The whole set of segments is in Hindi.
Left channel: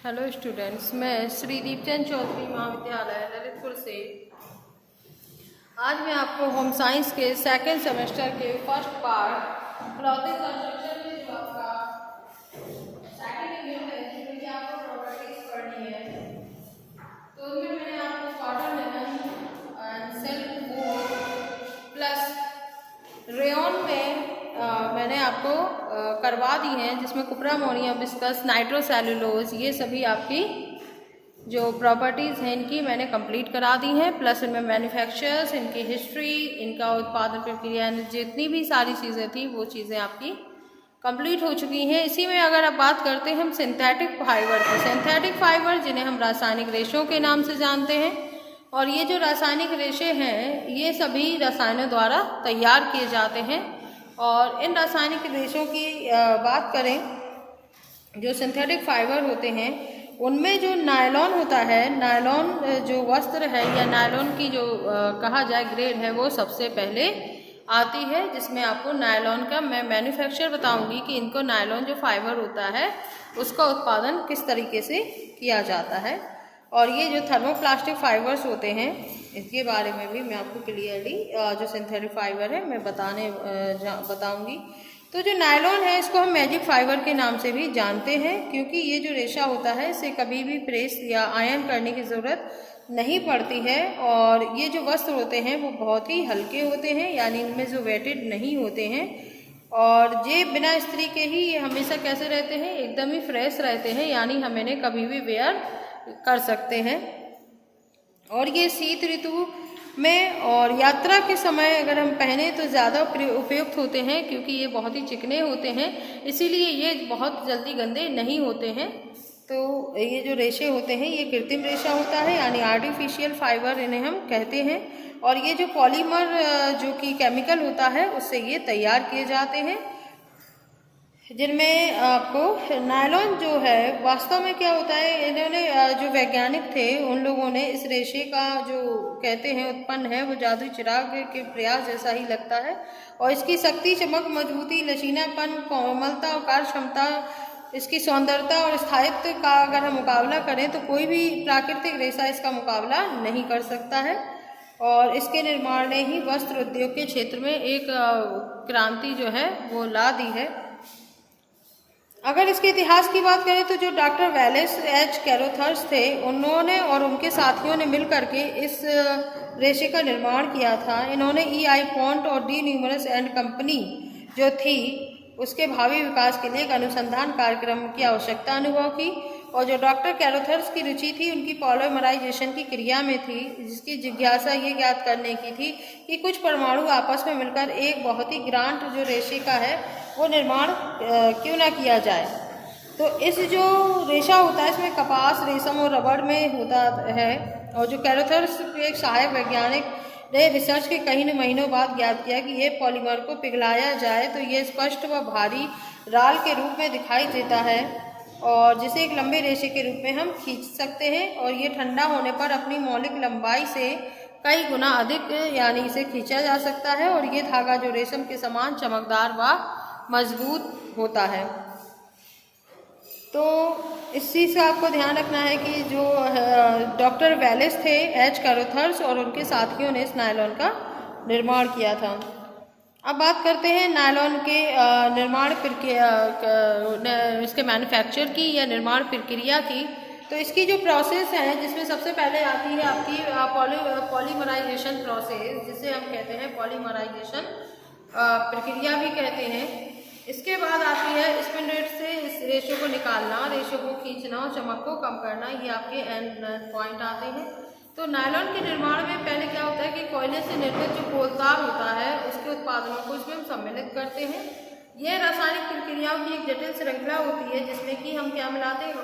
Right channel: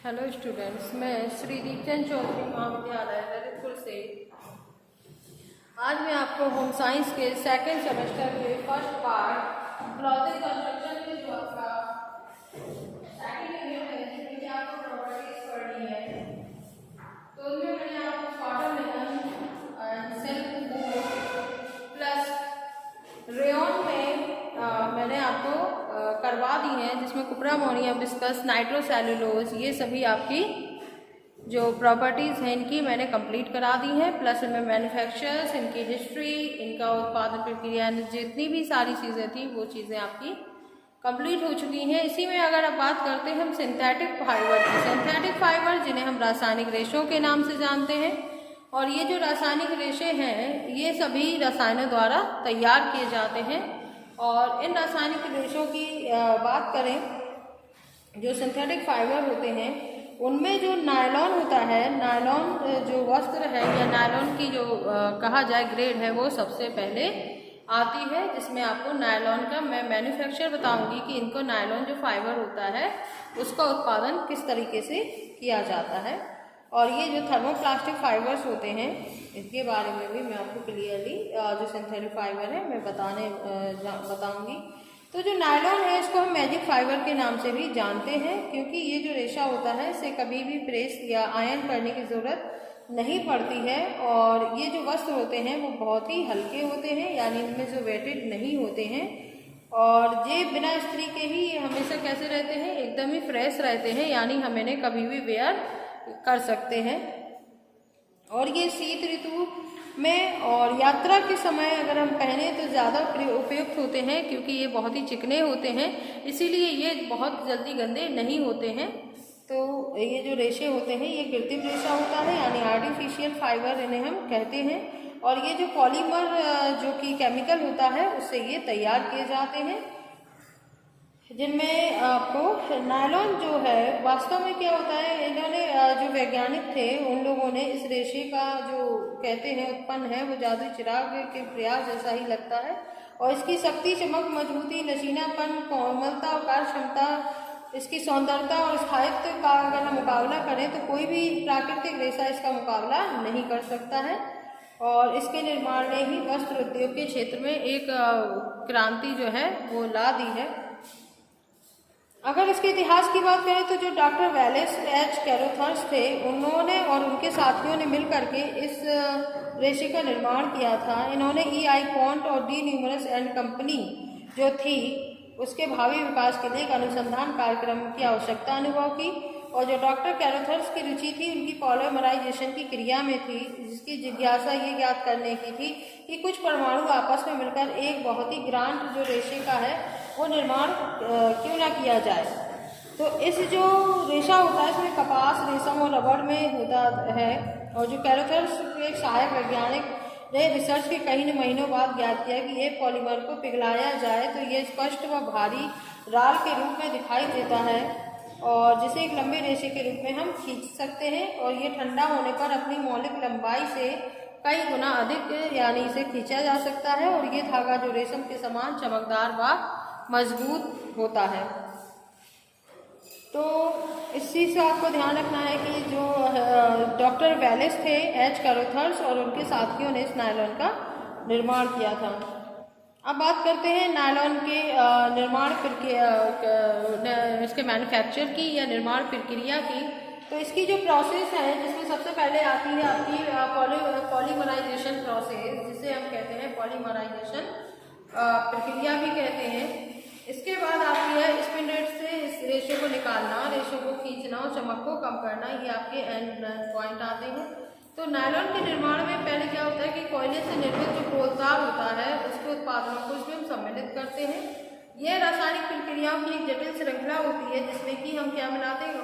हेलो स्टूडेंट्स, मैं श्री दीपचंद चौधरी महाविद्यालय ललितपुर से आज मैं आपको होम साइंस के सेकंड सेमेस्टर के फर्स्ट पार्ट क्लॉथिंग कंस्ट्रक्शन में जो आपका सेकंड यूनिट है जिसमें आपको प्रॉपर्टीज पढ़नी है, तो उनमें मैंने आपको cotton linen and silk wool plus rayon में मैंने आपको करवा दी हैं, जिसमें कुपरा अमोनिया विस्कस नाइट्रोसेल्युलोज ये सभी आपकी जो प्रॉपर्टीज़ हैं इनकी मैंने कंप्लीट करा दी हैं। प्लस इनमें मैन्युफैक्चरर्स, इनकी हिस्ट्री, इनका उत्पादन प्रक्रिया, जितनी भी सारी चीज़ें थी वो चीज़ें आपकी कंप्लीट हो चुकी हैं। इसी में अगर आप बात करते हैं हम सिंथेटिक फाइबर की, सिंथेटिक फाइबर जिन्हें हम रासायनिक रेशों के नाम से जानते हैं, और ये जो रासायनिक रेशे हैं ये सभी रसायनों द्वारा तैयार किए जाते हैं। और इन रासायनिक रेशों की बात करें, जो सिंथेटिक फाइबर होते हैं उनमें जो नायलॉन होता है, नायलॉन जो वस्त्र है या नायलॉन की जो कहा जाए ग्रेड है वो सबसे पहले आती है, जिसमें आपको नायलॉन का मैं मैन्युफैक्चर बताऊंगी कि इनको नायलॉन जो फाइबर होता है उसका उत्पादन किस तरीके से किया जाता है। और ये जो थर्मोप्लास्टिक फाइबर्स होते हैं इसके बारे में भी मैं आपको क्लियरली जो सिंथेटिक फाइबर है मैं बताऊंगी। तो जो नायलॉन है इसको हम मैजिक फाइबर के नाम से भी जानते हैं, क्योंकि ये जो रेशा होता है इसे कभी भी प्रेस या आयरन करने की ज़रूरत नहीं पड़ती है। और ये जो वस्त्र होते हैं वो बहुत ही हल्के होते हैं, यानी इनमें जो वेटेड नहीं होते हैं, और ये बिना इस्त्री के ही ये हमेशा कैसे रहते हैं, एकदम ही फ्रेश रहते हैं, यानी हम इन्हें कभी भी वेयर कर सकते हैं। और ये शीत ऋतु में और यात्रा के समय अगर हम पहने तो ज़्यादा उपयुक्त होते हैं, क्योंकि ये बहुत ही चिकने होते हैं, इसीलिए ये बहुत जल्दी गंदे नहीं होते हैं। तो ये जो रेशे होते हैं ये कृत्रिम रेशा होता है, यानी आर्टिफिशियल फाइबर इन्हें हम कहते हैं। और ये जो पॉलीमर जो कि केमिकल होता है उससे ये तैयार किए जाते हैं, जिनमें आपको नायलॉन जो है वास्तव में क्या होता है, इन्होंने जो वैज्ञानिक थे उन लोगों ने इस रेशे का जो कहते हैं उत्पन्न है वो जादुई चिराग के प्रयास जैसा ही लगता है। और इसकी शक्ति, चमक, मजबूती, लचीलापन, कोमलता और कार्य क्षमता, इसकी सौंदर्यता और स्थायित्व का अगर हम मुकाबला करें तो कोई भी प्राकृतिक रेशा इसका मुकाबला नहीं कर सकता है। और इसके निर्माण ने ही वस्त्र उद्योग के क्षेत्र में एक क्रांति जो है वो ला दी है। अगर इसके इतिहास की बात करें तो जो डॉक्टर वेलेस एच कैरोथर्स थे उन्होंने और उनके साथियों ने मिलकर के इस रेशे का निर्माण किया था। इन्होंने E.I. पॉन्ट और डी न्यूमरस एंड कंपनी जो थी उसके भावी विकास के लिए एक अनुसंधान कार्यक्रम की आवश्यकता अनुभव की। और जो डॉक्टर कैरोथर्स की रुचि थी उनकी पॉलीमराइजेशन की क्रिया में थी, जिसकी जिज्ञासा ये ज्ञात करने की थी कि कुछ परमाणु आपस में मिलकर एक बहुत ही ग्रांट जो रेशे का है वो निर्माण क्यों ना किया जाए। तो इस जो रेशा होता है इसमें कपास, रेशम और रबड़ में होता है। और जो कैरोथर्स के एक सहायक वैज्ञानिक ने रिसर्च के कई महीनों बाद ज्ञात किया कि ये पॉलीमर को पिघलाया जाए तो ये स्पष्ट व भारी राल के रूप में दिखाई देता है, और जिसे एक लंबे रेशे के रूप में हम खींच सकते हैं। और ये ठंडा होने पर अपनी मौलिक लंबाई से कई गुना अधिक यानी इसे खींचा जा सकता है, और ये धागा जो रेशम के समान चमकदार व मजबूत होता है। तो इस चीज़ का आपको ध्यान रखना है कि जो डॉक्टर वेलेस थे एच कैरोथर्स और उनके साथियों ने इस नायलॉन का निर्माण किया था। अब बात करते हैं नायलॉन के निर्माण इसके मैन्युफैक्चर की या निर्माण प्रक्रिया की। तो इसकी जो प्रोसेस है जिसमें सबसे पहले आती है आपकी पॉलीमराइजेशन प्रोसेस, जिसे हम कहते हैं पॉलीमराइजेशन प्रक्रिया भी कहते हैं। इसके बाद आती है स्पिन रेट से इस रेशो को निकालना, रेशो को खींचना और चमक को कम करना, ये आपके एंड पॉइंट आते हैं। तो नायलॉन के निर्माण में पहले क्या होता है कि कोयले से निर्मित जो कोलतार होता है उसके उत्पादनों को इसमें हम सम्मिलित करते हैं। यह रासायनिक प्रक्रियाओं की एक जटिल श्रृंखला होती है जिसमें कि हम क्या मिलाते हैं,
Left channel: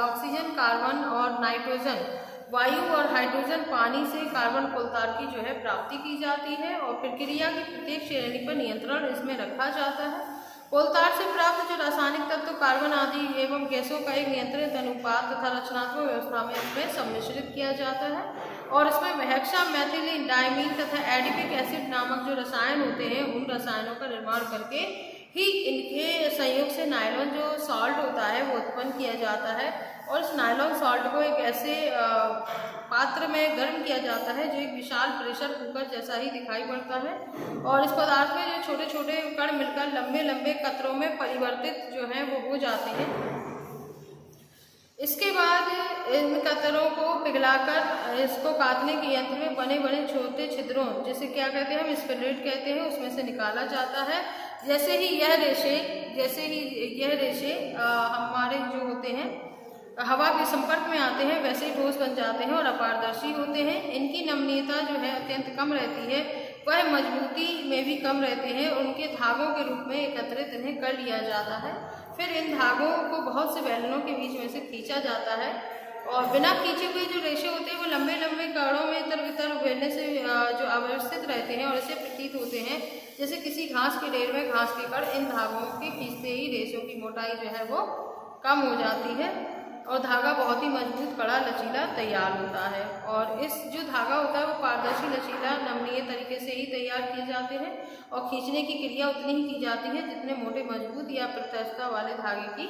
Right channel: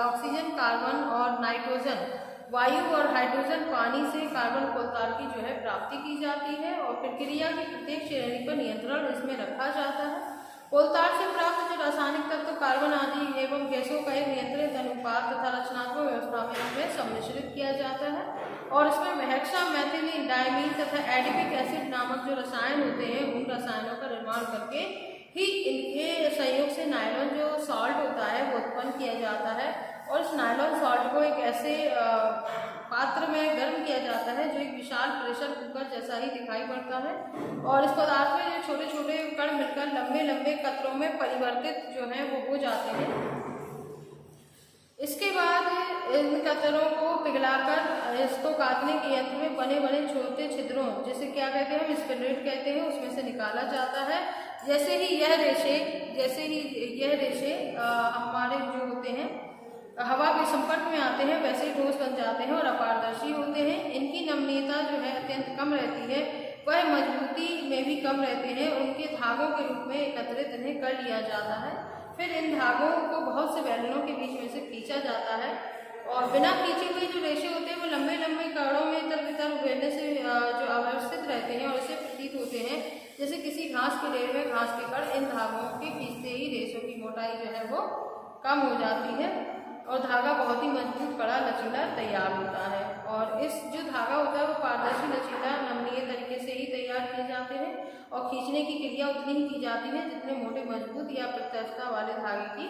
ऑक्सीजन, कार्बन और नाइट्रोजन वायु और हाइड्रोजन पानी से कार्बन कोलतार की जो है प्राप्ति की जाती है। और प्रक्रिया की प्रत्येक श्रेणी पर नियंत्रण इसमें रखा जाता है। कोलतार से प्राप्त जो रासायनिक तत्व कार्बन आदि एवं गैसों का एक नियंत्रित अनुपात तथा रचनात्मक व्यवस्था में इसमें सम्मिश्रित किया जाता है। और इसमें हेक्सा मेथिलीन डायमीन तथा एडिपिक एसिड नामक जो रसायन होते हैं उन रसायनों का निर्माण करके ही इनके संयोग से नायलॉन जो सॉल्ट होता है वो उत्पन्न किया जाता है। और इस नायलॉन सॉल्ट को एक ऐसे पात्र में गर्म किया जाता है जो एक विशाल प्रेशर कुकर जैसा ही दिखाई पड़ता है। और इस पदार्थ में जो छोटे छोटे कण मिलकर लंबे लंबे कतरों में परिवर्तित जो है वो हो जाते हैं। इसके बाद इन कतरों को पिघलाकर इसको काटने के यंत्र में बने बने छोटे छिद्रों, जैसे क्या कहते हैं हम स्पिंडल कहते हैं, उसमें से निकाला जाता है। जैसे ही यह रेशे हमारे जो होते हैं हवा के संपर्क में आते हैं वैसे ही ठोस बन जाते हैं और अपारदर्शी होते हैं। इनकी नमनीयता जो है अत्यंत कम रहती है, वह मजबूती में भी कम रहते हैं। उनके धागों के रूप में एकत्रित इन्हें कर लिया जाता है। फिर इन धागों को बहुत से बैलूनों के बीच में से खींचा जाता है और बिना खींचे हुए जो रेशे होते हैं वो लंबे लंबे कणों में इधर उधर उभरने से जो अवस्थित रहते हैं और इसे प्रतीत होते हैं जैसे किसी घास के ढेर में घास के कण। इन धागों के खींचते ही रेशों की मोटाई जो है वो कम हो जाती है और धागा बहुत ही मजबूत, कड़ा, लचीला तैयार होता है। और इस जो धागा होता है वो पारदर्शी, लचीला, नमनीय तरीके से ही तैयार किए जाते हैं और खींचने की क्रिया उतनी ही की जाती है जितने मोटे, मजबूत या प्रत्यक्षता वाले धागे की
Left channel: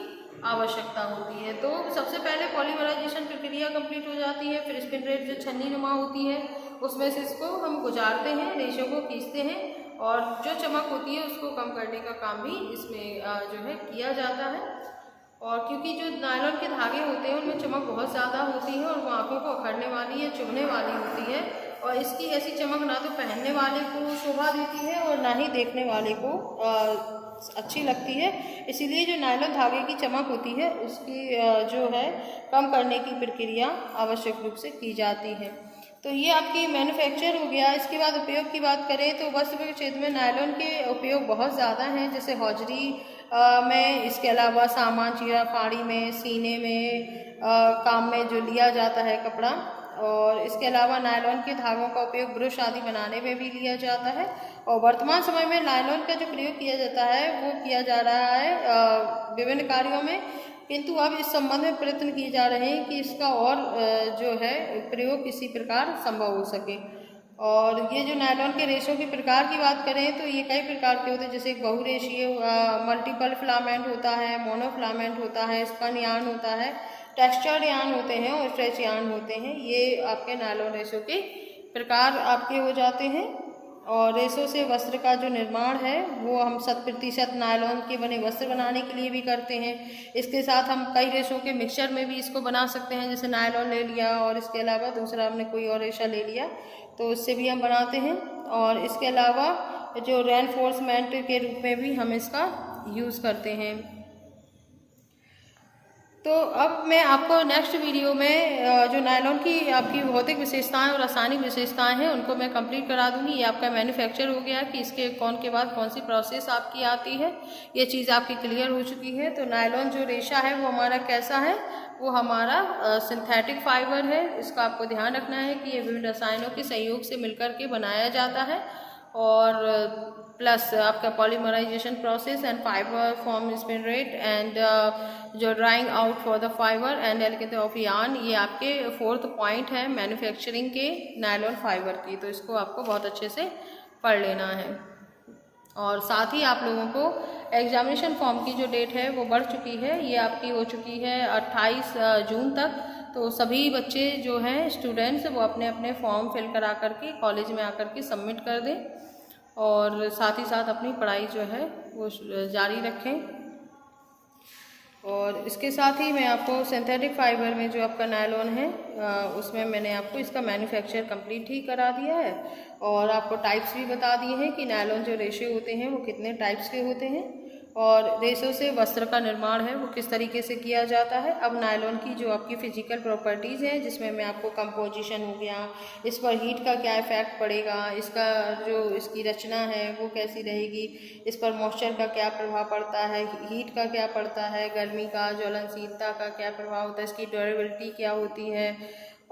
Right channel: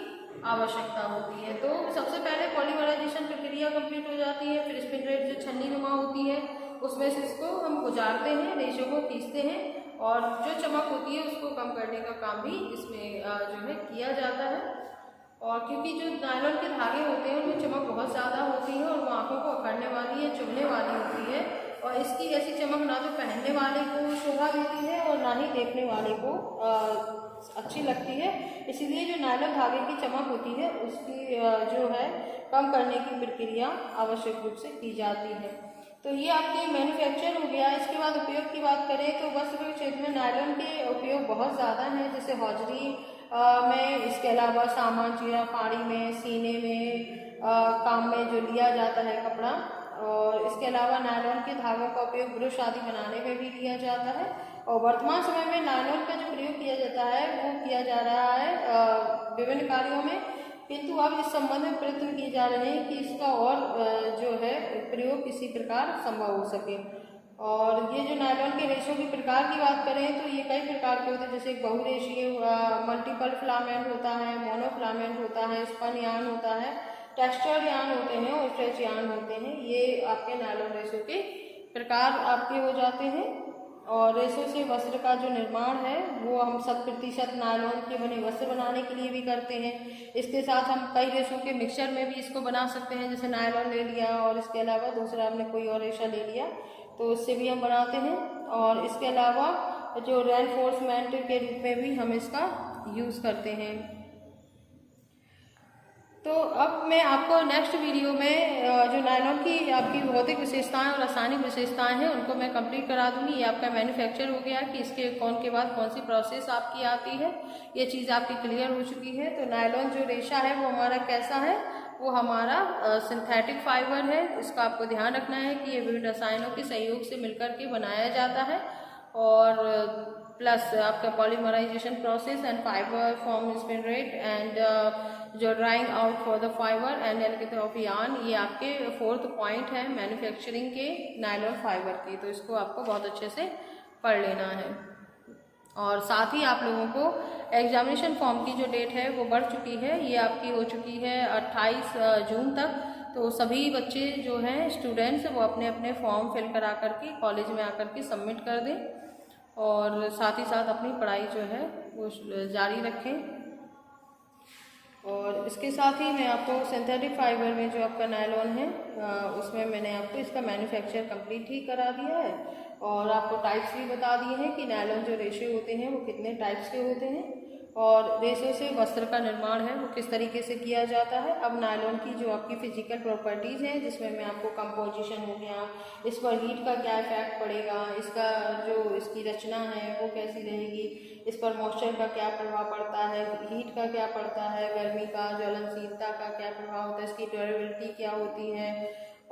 आवश्यकता होती है। तो सबसे पहले पॉलीमराइजेशन प्रक्रिया कंप्लीट हो जाती है। फिर स्पिंडल जो छन्नी नुमा होती है उसमें से इसको हम गुजारते हैं, रेशों को खींचते हैं और जो चमक होती है उसको कम करने का काम भी इसमें जो है किया जाता है। और क्योंकि जो नायलॉन के धागे होते हैं उनमें चमक बहुत ज़्यादा होती है और वो आँखों को अखड़ने वाली या चुभने वाली होती है और इसकी ऐसी चमक ना तो पहनने वाले को शोभा देती है और ना ही देखने वाले को अच्छी लगती है। इसीलिए जो नायलॉन धागे की चमक होती है उसकी जो है कम करने की प्रक्रिया आवश्यक रूप से की जाती है। तो ये आपकी मैन्युफैक्चर हो गया। इसके बाद उपयोग की बात करें तो वस्त्र के क्षेत्र में नायलॉन के उपयोग बहुत ज़्यादा हैं, जैसे हौजरी में, इसके अलावा सामान चीरा फाड़ी में, सीने में काम में जो लिया जाता है कपड़ा। और इसके अलावा नायलॉन के धागों का उपयोग ब्रुश आदि बनाने में भी लिया जाता है। और वर्तमान समय में नायलॉन का जो प्रयोग किया जाता है वो किया जा रहा है विभिन्न कार्यों में, किंतु अब इस संबंध में प्रयत्न किए जा रहे हैं कि इसका और जो है प्रयोग किसी प्रकार संभव हो सके। और ये जो नायलॉन के रेशों के प्रकार की बात करें तो ये कई प्रकार के होते हैं, जैसे बहुरेशीय, मल्टीपल फिलामेंट होता है, मोनोफिलामेंट होता है, स्पन यार्न होता है, टेक्सचर्ड यार्न होते हैं और स्ट्रेच यार्न होते हैं। ये आपके नायलॉन रेशों के प्रकार आपके हो जाते हैं। और रेशों से वस्त्र का जो निर्माण है वो हम 100% नायलॉन के बने वस्त्र बनाने के लिए भी करते हैं। इसके साथ हम कई रेशों के मिक्सचर में भी इसको बना सकते हैं, जैसे नायलॉन ले लिया और इसके अलावा दूसरा हमने कोई और रेशा ले लिया तो उससे भी हम बनाते हैं। और इसके अलावा जो रेनफोर्समेंट के रूप में भी हम इसका यूज़ करते हैं। तो अब मैं आपको नेक्स्ट वीडियो में जो नायलॉन की आपकी भौतिक विशेषताएं और रासायनिक विशेषताएं हैं उनको मैं कंप्लीट करा दूंगी। ये आपका मैन्युफैक्चर हो गया कि इसके कौन के बाद कौन सी प्रोसेस आपकी आती है, ये चीज़ आपकी क्लियर हो चुकी है। तो नायलॉन जो रेशा है वो हमारा कैसा है, वो हमारा सिंथेटिक फाइबर है। इसका आपको ध्यान रखना है कि ये विभिन्न रसायनों के सहयोग से मिलकर के बनाया जाता है और प्लस आपका polymerization process and fibre form spin and जो drawing out for the fibre and एलिकेट ऑफ यार्न, ये आपके 4th पॉइंट है मैन्युफैक्चरिंग के नायलॉन फाइबर की। तो इसको आपको बहुत अच्छे से पढ़ लेना है। और साथ ही आप लोगों को एग्जामिनेशन फॉर्म की जो डेट है वो बढ़ चुकी है, ये आपकी हो चुकी है 28 जून तक। तो सभी बच्चे जो हैं स्टूडेंट्स वो अपने अपने फॉर्म फिल करा करके कॉलेज में आकर के सबमिट कर दें और साथ ही साथ अपनी पढ़ाई जो है वो जारी रखें। और इसके साथ ही मैं आपको सिंथेटिक फाइबर में जो आपका नायलॉन है उसमें मैंने आपको इसका मैन्युफैक्चर कंप्लीट ही करा दिया है और आपको टाइप्स भी बता दिए हैं कि नायलॉन जो रेशे होते हैं वो कितने टाइप्स के होते हैं और रेशों से वस्त्र का निर्माण है वो किस तरीके से किया जाता है। अब नायलॉन की जो आपकी फिजिकल प्रॉपर्टीज़ हैं जिसमें मैं आपको कंपोजिशन हो गया, इस पर हीट का क्या इफेक्ट पड़ेगा, इसका जो इसकी रचना है वो कैसी रहेगी, इस पर मॉइस्चर का क्या प्रभाव पड़ता है, हीट का क्या पड़ता है, गर्मी का, ज्वलनशीलता का क्या प्रभाव होता है, इसकी ड्यूरेबिलिटी क्या होती है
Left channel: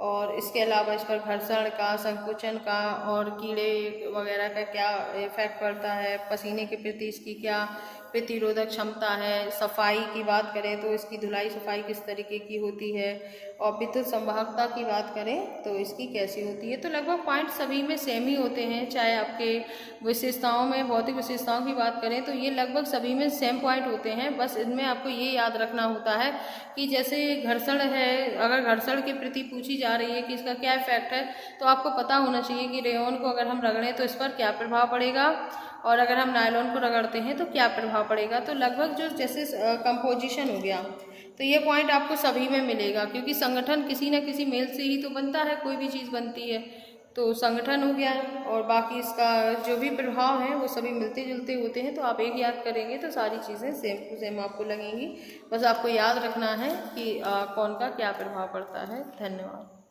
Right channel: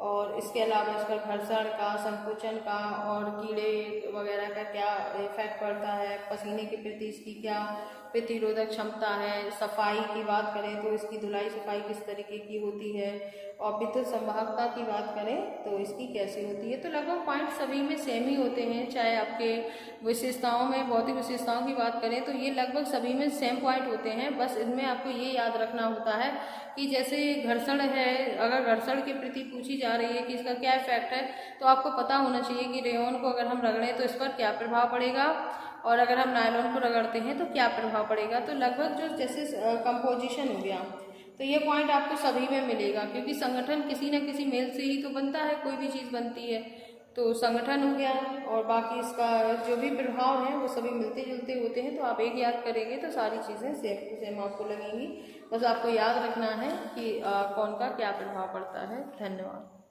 और इसके अलावा इस पर घर्षण का, संकुचन का और कीड़े वगैरह का क्या इफेक्ट पड़ता है, पसीने के प्रति इसकी क्या प्रतिरोधक क्षमता है। सफाई की बात करें तो इसकी धुलाई सफाई किस तरीके की होती है, और विद्युत संवाहकता की बात करें तो इसकी कैसी होती है। तो लगभग पॉइंट सभी में सेम ही होते हैं, चाहे आपके विशेषताओं में भौतिक विशेषताओं की बात करें तो ये लगभग सभी में सेम पॉइंट होते हैं। बस इनमें आपको ये याद रखना होता है कि जैसे घर्षण है, अगर घर्षण के प्रति पूछी जा रही है कि इसका क्या इफेक्ट है, तो आपको पता होना चाहिए कि रेयॉन को अगर हम रगड़ें तो इस पर क्या प्रभाव पड़ेगा, और अगर हम नायलॉन को रगड़ते हैं तो क्या प्रभाव पड़ेगा। तो लगभग जो जैसे कंपोजिशन हो गया, तो ये पॉइंट आपको सभी में मिलेगा, क्योंकि संगठन किसी न किसी मेल से ही तो बनता है, कोई भी चीज़ बनती है। तो संगठन हो गया और बाकी इसका जो भी प्रभाव है वो सभी मिलते जुलते होते हैं। तो आप एक याद करेंगे तो सारी चीज़ें सेम टू सेम आपको लगेंगी। बस आपको याद रखना है कि कौन का क्या प्रभाव पड़ता है। धन्यवाद।